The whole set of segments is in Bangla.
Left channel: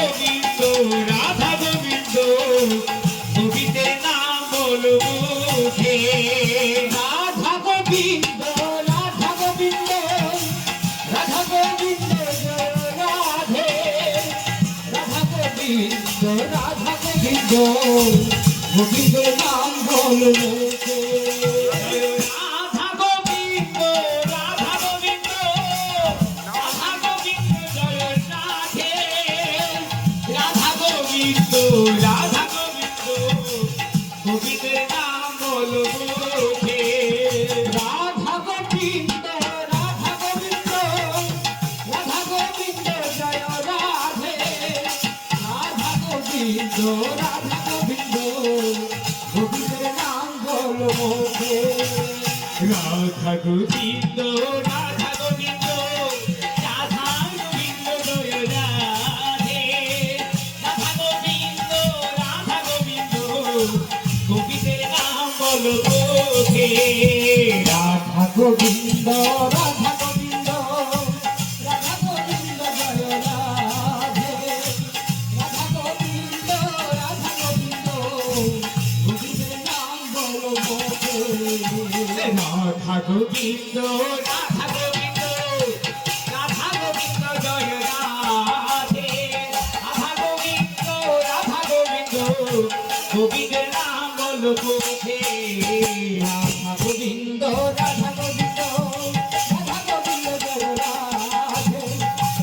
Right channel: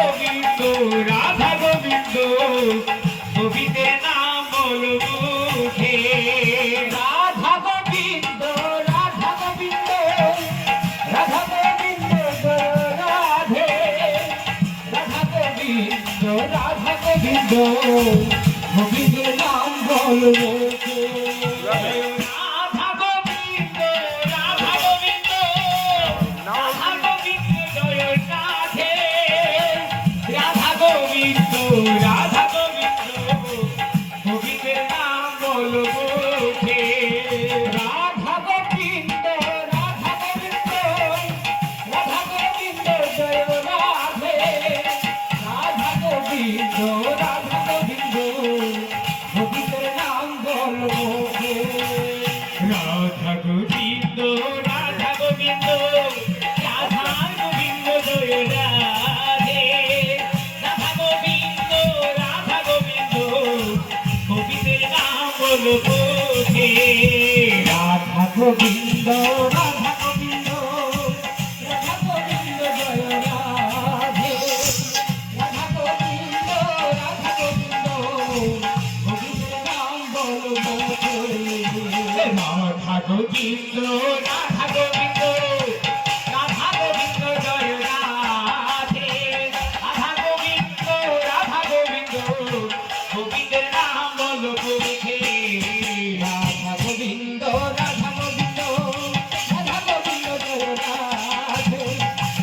গোবিন্দ রাধা গোবিন্দ গোবিন্দে নাম বলো মুখে রাধা গোবিন্দ রাধা গোবিন্দ রাধা গোবিন্দ জয় রাধে রাধা গোবিন্দ রাধা গোবিন্দ গোবিন্দের নাম বলো মুখে রাধা গোবিন্দ রাধা গোবিন্দ রাধা গোবিন্দ জয় রাধে রাধা গোবিন্দ রাধা গোবিন্দ গোবিন্দের নাম বলো মুখে রাধা গোবিন্দ রাধা গোবিন্দ রাধা গোবিন্দ জয় রাধে রাধা গোবিন্দ রাধা গোবিন্দ গোবিন্দের নাম বলো মুখে রাধা গোবিন্দ রাধা গোবিন্দ রাধা গোবিন্দ জয় রাধে রাধা গোবিন্দ রাধা গোবিন্দ গোবিন্দের নাম বলো মুখে রাধা গোবিন্দ রাধা গোবিন্দ রাধা গোবিন্দ জয় রাধে রাধা গোবিন্দ রাধা গোবিন্দ গোবিন্দের নাম বলো মুখে রাধা গোবিন্দ রাধা গোবিন্দ রাধা গোবিন্দ জয় রাধে রাধা গোবিন্দ রাধা গোবিন্দ গোবিন্দের নাম বলো মুখে রাধা গোবিন্দ রাধা গোবিন্দ রাধা গোবিন্দ জয় রাধে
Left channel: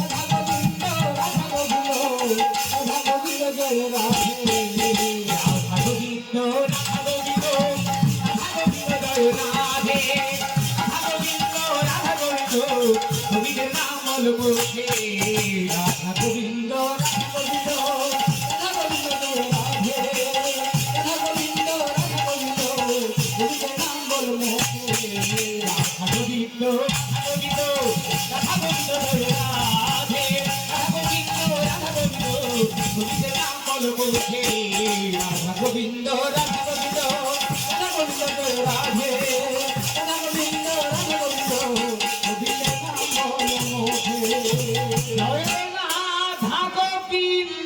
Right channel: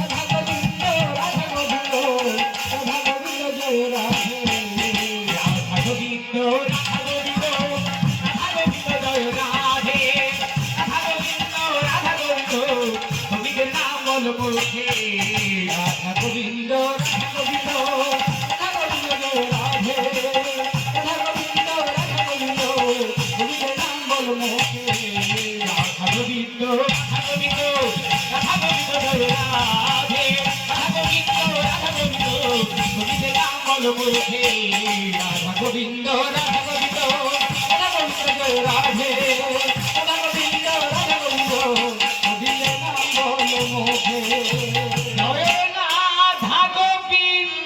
রাধা গোবিন্দ রাধা গোবিন্দ রাধা গোবিন্দ জয় রাধে রাধা গোবিন্দ রাধা গোবিন্দ রাধা গোবিন্দ জয় রাধে রাধা গোবিন্দ রাধা গোবিন্দ গোবিন্দের নাম বলো মুখে রাধা গোবিন্দ রাধা গোবিন্দ রাধা গোবিন্দ জয় রাধে রাধা গোবিন্দ রাধা গোবিন্দ গোবিন্দের নাম বলো মুখে রাধা গোবিন্দ রাধা গোবিন্দ রাধা গোবিন্দ জয় রাধে রাধা গোবিন্দ রাধা গোবিন্দ গোবিন্দের নাম বলো মুখে রাধা গোবিন্দ রাধা গোবিন্দ রাধা গোবিন্দ জয় রাধে